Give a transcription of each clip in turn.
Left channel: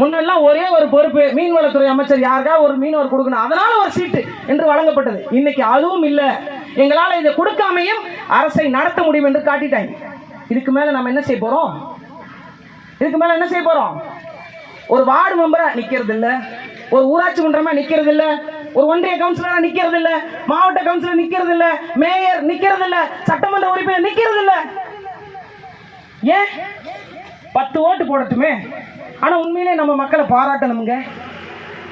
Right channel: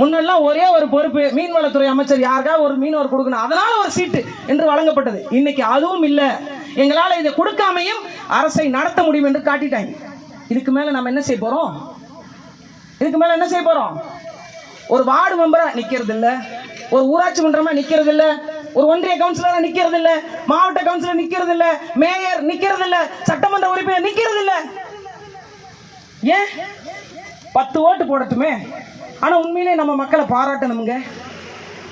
முன்னெல்லாம் ஒரே ஒரு பொறுப்பு மீன்வளத்துறை அமைச்சர் யாருக்காவது ஒரு மீனவர் கொடுக்கணும், அதனால ஒரு சீட்டு என்று வழங்கப்பட்டது. இன்னைக்கு அதுவும் இல்லை. எங்களால் இதை கொடுக்காமையும் அரசை நடத்த முடியும் என்று காட்டிட்டாங்க. இதுக்கு மேல நம்ம என்ன செய்ய போறோம்? இதுக்கு மேல என்ன செய்ய போறோம்? ஒரு வார்டு மெம்பரா நிக்கிறது இல்ல, ஒரு ஊராட்சி மன்றமா நிக்கிறது இல்ல, ஒரு ஒன்றிய கவுன்சிலரா நிக்கிறது இல்ல, மாவட்ட கவுன்சிலர் நிக்கிறது இல்ல, மேயர் நிக்கிறது இல்ல, சட்டமன்ற உறுப்பினர் நிக்கிறது இல்ல. ஏன்? 10 ஓட்டு போடட்டுமே. ஆனா உண்மையிலே நம்ம மக்களை பாராட்டணுங்க,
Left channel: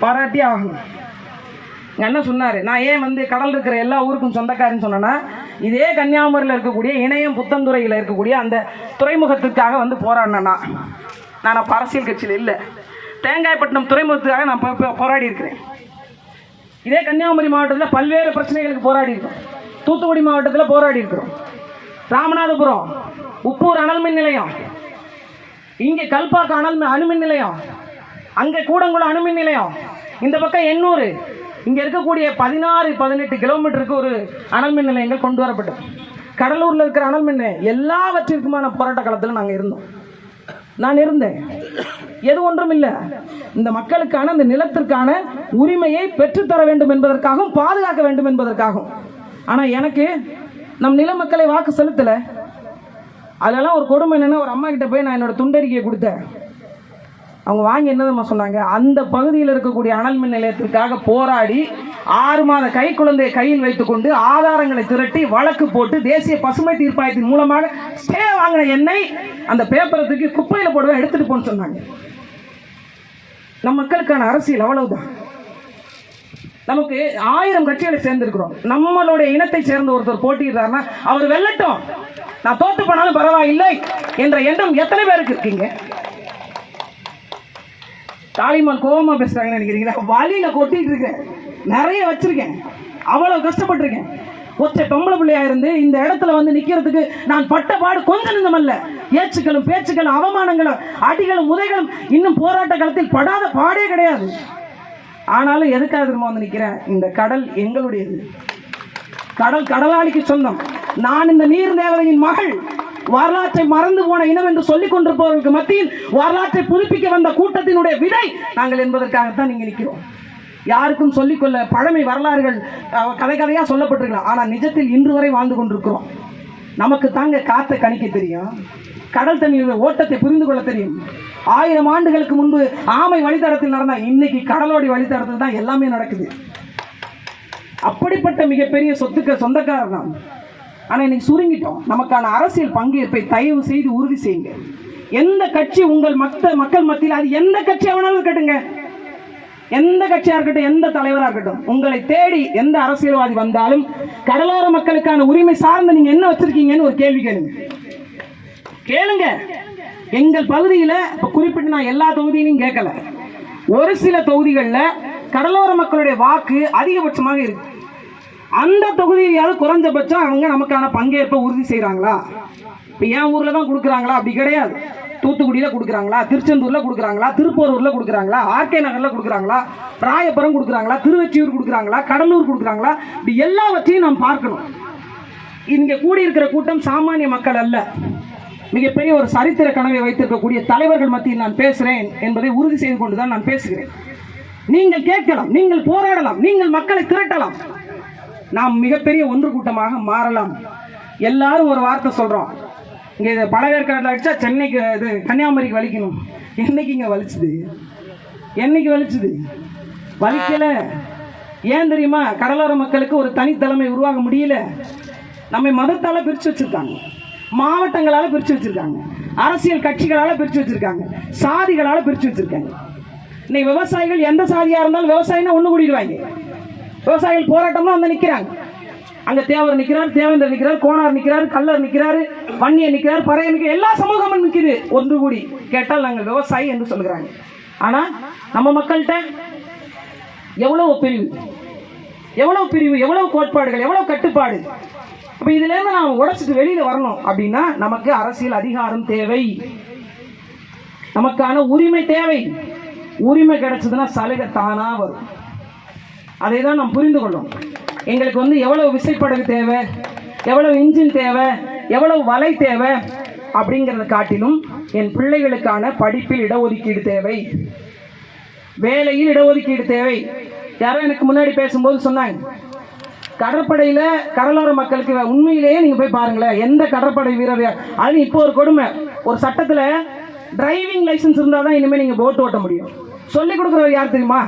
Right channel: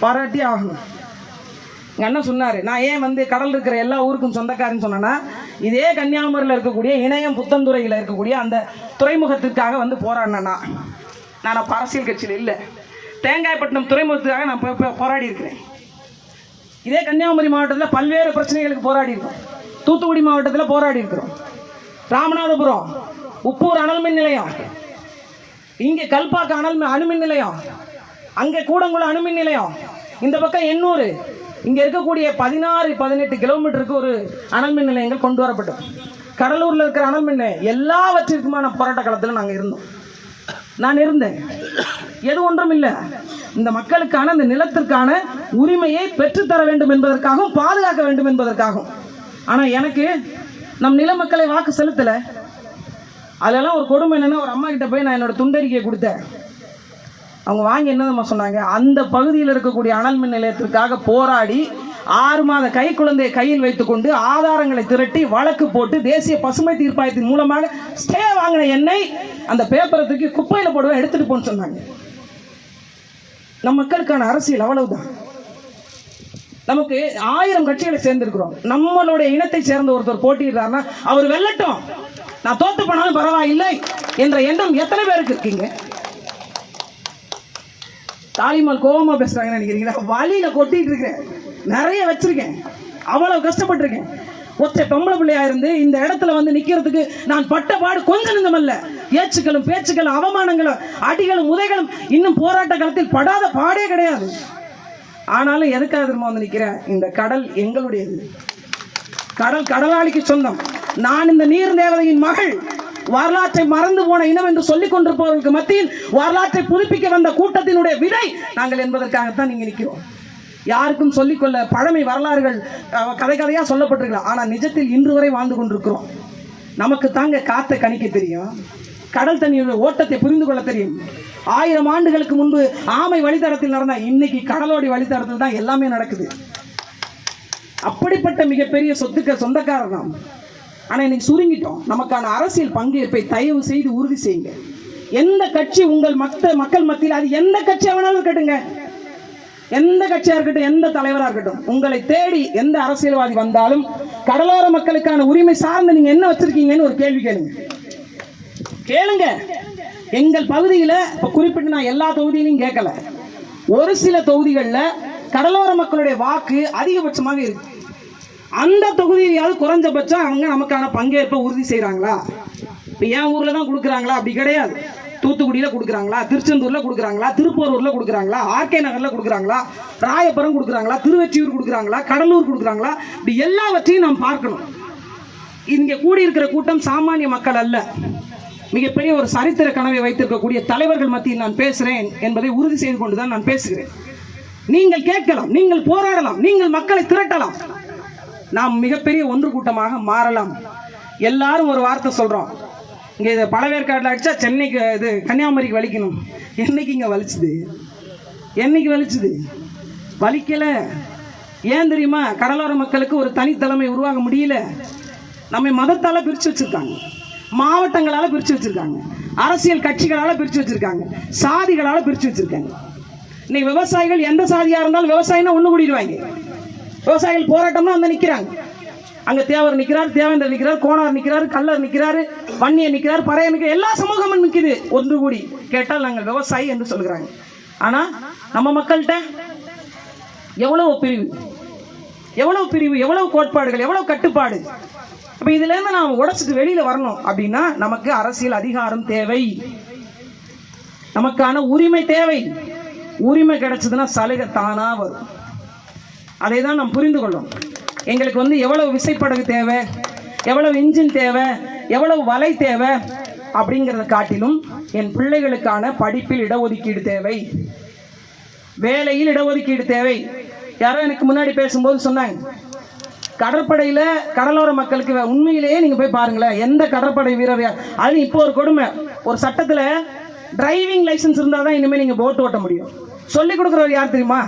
பாராட்டி ஆகணும். எங்க அண்ணன் சொன்னாரு, நான் ஏன் கடல் இருக்கிற எல்லா ஊருக்கும் சொந்தக்காரன்னு சொன்னேன்னா, இதே கன்னியாகுமரியில் இருக்கக்கூடிய இணையம் புத்தந்துறையில் இருக்கக்கூடிய அந்த துறைமுகத்துக்காக போராடினேன்னா, நான் அப்போ அரசியல் கட்சியில் இல்லை, தேங்காய்பட்டினம் துறைமுகத்துக்காக நான் போராடி இருக்கிறேன். இதே கன்னியாகுமரி மாவட்டத்தில் பல்வேறு பிரச்சனைகளுக்கு போராடி இருக்கோம். தூத்துக்குடி மாவட்டத்தில் போராடி இருக்கிறோம். ராமநாதபுரம் உப்பூர் அனல்மின் நிலையம், இங்கே கல்பாக்கம் அணுமின் நிலையம், அங்கே கூடங்குளம் அணுமின் நிலையம், இந்த பக்கம் எண்ணூர், இங்கே இருக்கக்கூடிய 16-18 கிலோமீட்டருக்கு ஒரு அனல்மின் நிலையங்கள் கொண்டு வரப்பட்டது. கடலூரில் இருக்கிற அனல்மின் நிலையம் எல்லாவற்றிற்குமான போராட்ட காலத்தில் நாங்கள் இருந்தோம். நான் இருந்தேன். எது ஒன்றும் இல்லை, இந்த மக்களுக்கான இந்த நிலத்திற்கான உரிமையை பெற்றுத்தர வேண்டும் என்பதற்காகவும் பாதுகாக்க வேண்டும் என்பதற்காகவும். ஆனால் எனக்கு நம் நில மக்களை வாக்கு செலுத்தலை. அதெல்லாம் ஒரு கொடுமை என்னன்னா, ஒரு அம்மா கிட்ட போய் நான் என்னோட துண்டறிக்கையை கொடுத்தேன். அவங்க வாங்கி என்னதுமா சொன்னாங்க, அந்த பகுதியில் இருக்கக்கூடிய அனல் மின் நிலையத்திற்காக போராடி 6 மாத கை குழந்தையை கையில் வைத்துக்கொண்டு ஆதாரங்களை திரட்டி வழக்கு போட்டு தேசிய பசுமை தீர்ப்பாயத்தின் மூலமாக ஸ்டே வாங்கின என்னை அந்த பேப்பரை தூக்கி குப்பையில் போடுவேன், எடுத்துட்டு போன்னு சொன்னாங்க. நம் மக்களுக்கான அரசியல் அவ்வளவுதான். நமக்கு 1000 கட்சிகளை சேர்ந்திருக்கிறோம். நம்மளுடைய இனத்தை சேர்ந்த ஒருத்தர் போட்டியிடுறாருன்னா அவர் வெல்லட்டும், நான் தோத்து போனாலும் பரவாயில்லை என்ற எண்ணம் எத்தனை பேருக்கு இருக்கீங்க? தாலிமால் கோவமா பேசுறாங்கன்னு நினைக்கிறீங்களா? வழியில கொட்டிட்டு இருக்கேன், நிறைய வச்சிருக்கேன், அவ்வளவு கஷ்டப்பட்டிருக்கேன். ஒற்றை பொம்பளை பிள்ளையா இருந்து இந்த இடத்துல நிக்கிறதுக்கு நான் பட்ட பாடு கொஞ்சம் நெஞ்சமல்ல. ஏச்சுக்களும் பேச்சுக்களும் அவமானங்களும் அடிகளும் உதைகளும் இன்னும் போராட்ட காலத்தில் படாத பாடே கிடையாது. ஆனாலும் எதுக்காக திரும்ப நிக்கிறேன்? இந்த கடல் எங்களுடையது, கடல் கடலாளிக்கு சொந்தம். நான் இந்த நீர் தேவதையின் மகள். வரலாற்றை மறந்து போன இனம் என்று சொல்லிக் கொண்டிருப்பவர்களுக்கு மத்தியில் வரலாற்றை புதுப்பிக்க வந்த கூட்டத்தினுடைய விடை நாங்கள் என்பதற்காகத்தான் நீங்க நிற்கிறோம். யாருக்கும் சொல்லிக்கொள்ள பழமை வரலாறுகள் கதையா சொல்லப்பட்டிருக்கலாம். ஆனால் நிஜத்தில் இன்று வரை வாழ்ந்து கொண்டிருக்கிறோம். நமக்கு தாங்க காற்றை கணிக்க தெரியும், கடல் தண்ணியுடைய ஓட்டத்தை புரிந்து கொள்ள தெரியும். 1000 ஆண்டுகளுக்கு முன்பு ஆமை வழித்தடத்தில் நடந்தா இன்னைக்கு கடலோடி வழித்தடத்தில் தான் எல்லாமே நடக்குது. அப்படிப்பட்ட மிகப்பெரிய சொத்துக்க சொந்தக்காரர் நாம். ஆனால் இன்னைக்கு சுருங்கிட்டோம். நமக்கான அரசியல் பங்கேற்பை தயவு செய்து உறுதி செய்யுங்க. எந்த கட்சி உங்கள் மக்கள் மத்தியில், அது எந்த கட்சியாக வேணாலும் இருக்கட்டுங்க, எந்த கட்சியாக இருக்கட்டும், எந்த தலைவராக இருக்கட்டும், உங்களை தேடி எந்த அரசியல்வாதி வந்தாலும் கடலோர மக்களுக்கான உரிமை சார்ந்து நீங்க என்ன வச்சிருக்கீங்கன்னு ஒரு கேள்வி கேளுங்க. எங்கள் பகுதியில் இப்போ குறிப்பிட்டு நான் எல்லா தொகுதியிலையும் கேட்கல, ஒரு சில தொகுதிகளில் கடலோர மக்களுடைய வாக்கு அதிகபட்சமாக இருக்கு. அந்த தொகுதியாவது குறைஞ்சபட்சம் அவங்க நமக்கான பங்கேற்பை உறுதி செய்கிறாங்களா? இப்போ என் ஊரில் தான் கொடுக்குறாங்களா? அப்படி கிடையாது. தூத்துக்குடியில் கொடுக்குறாங்களா, திருச்செந்தூரில் கொடுக்குறாங்களா, திருப்போரூரில் கொடுக்குறாங்களா, ஆர்கே நகரில் கொடுக்குறாங்களா, ராயபுரம் கொடுக்குறாங்களா, திருவெற்றியூர் கொடுக்குறாங்களா, கடலூர் கொடுக்குறாங்களா? இப்படி எல்லாவற்றையும் நாம் பார்க்கணும். இங்கே கூடியிருக்கிற கூட்டம் சாமானிய மக்கள் அல்ல, மிகப்பெரிய ஒரு சரித்திர கனவை வைத்திருக்கக்கூடிய தலைவர்கள் மத்தியில் நான் பேசுகிறேன் என்பதை உறுதி செய்து கொண்டு தான் நான் பேசுகிறேன். நீங்கள் கேட்கலாம், நீங்கள் போராடலாம், நீங்கள் மக்களை திரட்டலாம், நாம் மிகப்பெரிய ஒன்று கூட்டமாக மாறலாம். எல்லாரும் ஒரு வார்த்தை சொல்கிறோம், இங்கே இதை பழவேற்காட்டில் அடித்தா சென்னைக்கு இது கன்னியாகுமரிக்கு வலிக்கணும். என்னைக்கு இங்கே வலிச்சுது? என்னைக்கு வலிச்சுது? வலிக்கலை. ஏன் தெரியுமா? கடலோர மக்களுக்கு ஒரு தனித்தலைமை உருவாக முடியல. நம்மை மதத்தால் பிரித்து வச்சுருக்காங்க, மாவட்டங்களால் பிரித்து வச்சுருக்காங்க, அரசியல் கட்சிகளால் பிரித்து வச்சுருக்காங்க, சாதிகளால் பிரித்து வச்சுருக்காங்க. இன்னைக்கு விவசாயிகள் எந்த சாதியாக இருந்தாலும் விவசாயினா ஒன்று கூடிடுவாங்க. விவசாயிகள் போராட்டம்னா நிற்கிறாங்க. அங்கே தேவர் நிற்கிறார், தேவேந்தர் நிற்கிறார், கோனார் நிற்கிறார், கல்லர் நிற்கிறார், வன்னியர் நிற்கிறார், பறையர் நிற்கிறார், எல்லா சமூகமும் நிற்குது ஒன்று கூடி. கேட்டால் நாங்கள் விவசாயி என்று சொல்கிறாங்க. ஆனால் நம்ம மக்கள்கிட்ட எவ்வளவு பிரிவு, எவ்வளவு பிரிவு, எவ்வளவு கோட்பாடுகள், எவ்வளவு கட்டுப்பாடு. அப்போ இதுலேருந்து நாம் உடைச்சிட்டு வெளியில் வரணும் அப்படின்னா நமக்கு அரசியல் அதிகாரம் தேவை, நமக்கான உரிமை தேவை. உரிமை கிடைச்சதுன்னா சலுகை தானா வரும். அதை தான் நாம் புரிந்து கொள்ளும். எங்களுக்கு எவ்வளவு விசைப்படகு தேவை, எவ்வளவு இன்ஜின் தேவை, எவ்வளவு வலை தேவை அப்படிங்கிறத காட்டிலும் என் பிள்ளைகளுக்கான படிப்பில் இடஒதுக்கீடு தேவை, வேலையில் இடஒதுக்கீடு தேவை. யாரோ எனக்கு முன்னாடி பேசும்போது சொன்னாங்க, கடற்படையில் கடலோர மக்களுக்கு உண்மையிலேயே நீங்கள் போய் பாருங்களேன், எந்த கடற்படை வீரர் அது இப்போ ஒரு கொடுமை, ஒரு சட்டத்தில் டிரைவிங் லைசன்ஸ் இருந்தால் தான் இனிமேல் நீங்கள் போட் ஓட்ட முடியும். சொல்லிக் கொடுக்குறவர் யார் தெரியுமா?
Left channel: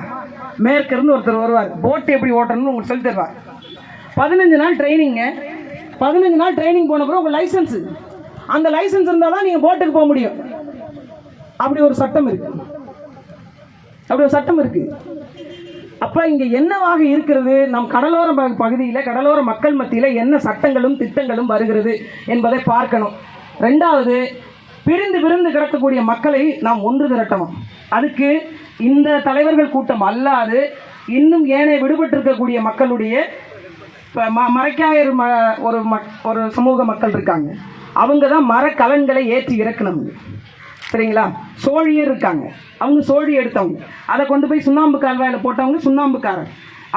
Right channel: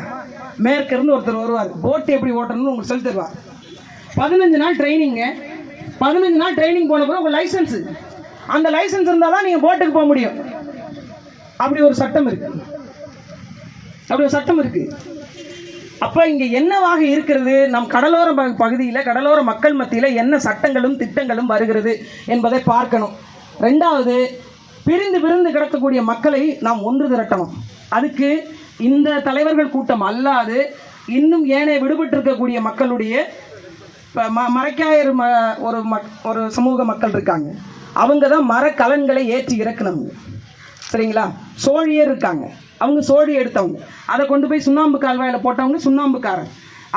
மேற்கிருந்து ஒருத்தர் வருவார், போட்டு எப்படி ஓட்டணும்னு உங்களுக்கு சொல்லி தருவார். 15 நாள் ட்ரைனிங்க. 15 நாள் ட்ரைனிங் போன பிறகு உங்கள் லைசன்ஸு, அந்த லைசன்ஸ் இருந்தால் தான் நீங்கள் போட்டுக்கு போக முடியும். அப்படி ஒரு சட்டம் இருக்கு. அப்போ இங்கே என்னவாக இருக்கிறது? நம் கடலோர பகுதியில் கடலோர மக்கள் மத்தியில் என்ன சட்டங்களும் திட்டங்களும் வருகிறது என்பதை பார்க்கணும். ரெண்டாவது, பிரிந்து கிடக்கக்கூடிய மக்களை நாம் ஒன்று திரட்டணும். அதுக்கு இந்த தலைவர்கள் கூட்டம் அல்லாது இன்னும் ஏனைய விடுபட்டிருக்கக்கூடிய மக்களுடைய மரைக்காயர் ஒரு சமூக மக்கள் இருக்காங்க. அவங்க தான் மரக்கலன்களை ஏற்றி இறக்கணும். சரிங்களா? சோழியர் இருக்காங்க, அவங்க சோழி எடுத்தவங்க, அதை கொண்டு போய் சுண்ணாம்பு கால்வாயில் போட்டவங்க சுண்ணாம்புக்காரர்,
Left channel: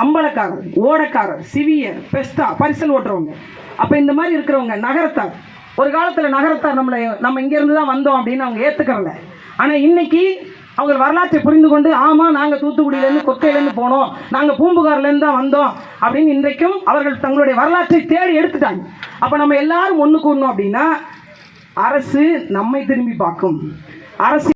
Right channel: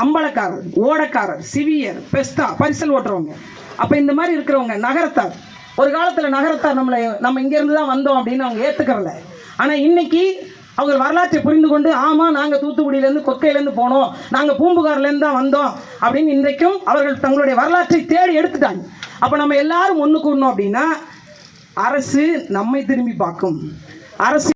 அம்பலக்காரர், ஓடக்காரர், சிவியர், பெஸ்தா, பரிசல் ஓட்டுறவங்க. அப்போ இந்த மாதிரி இருக்கிறவங்க நகரத்தார். ஒரு காலத்தில் நகரத்தார் நம்ம இங்கேருந்து தான் வந்தோம் அப்படின்னு அவங்க ஏற்றுக்கிறல. ஆனால் இன்னைக்கு அவங்க வரலாற்றை புரிந்து கொண்டு, ஆமாம் நாங்கள் தூத்துக்குடியிலேருந்து கொக்கையிலேருந்து போனோம், நாங்கள் பூம்புகார்லேருந்து தான் வந்தோம் அப்படின்னு இன்றைக்கும் அவர்கள் தங்களுடைய வரலாற்றை தேடி எடுத்துட்டாங்க. அப்போ நம்ம எல்லாரும் ஒன்று கூடணும் அப்படின்னா அரசு நம்மை திரும்பி பார்க்கும். அரசு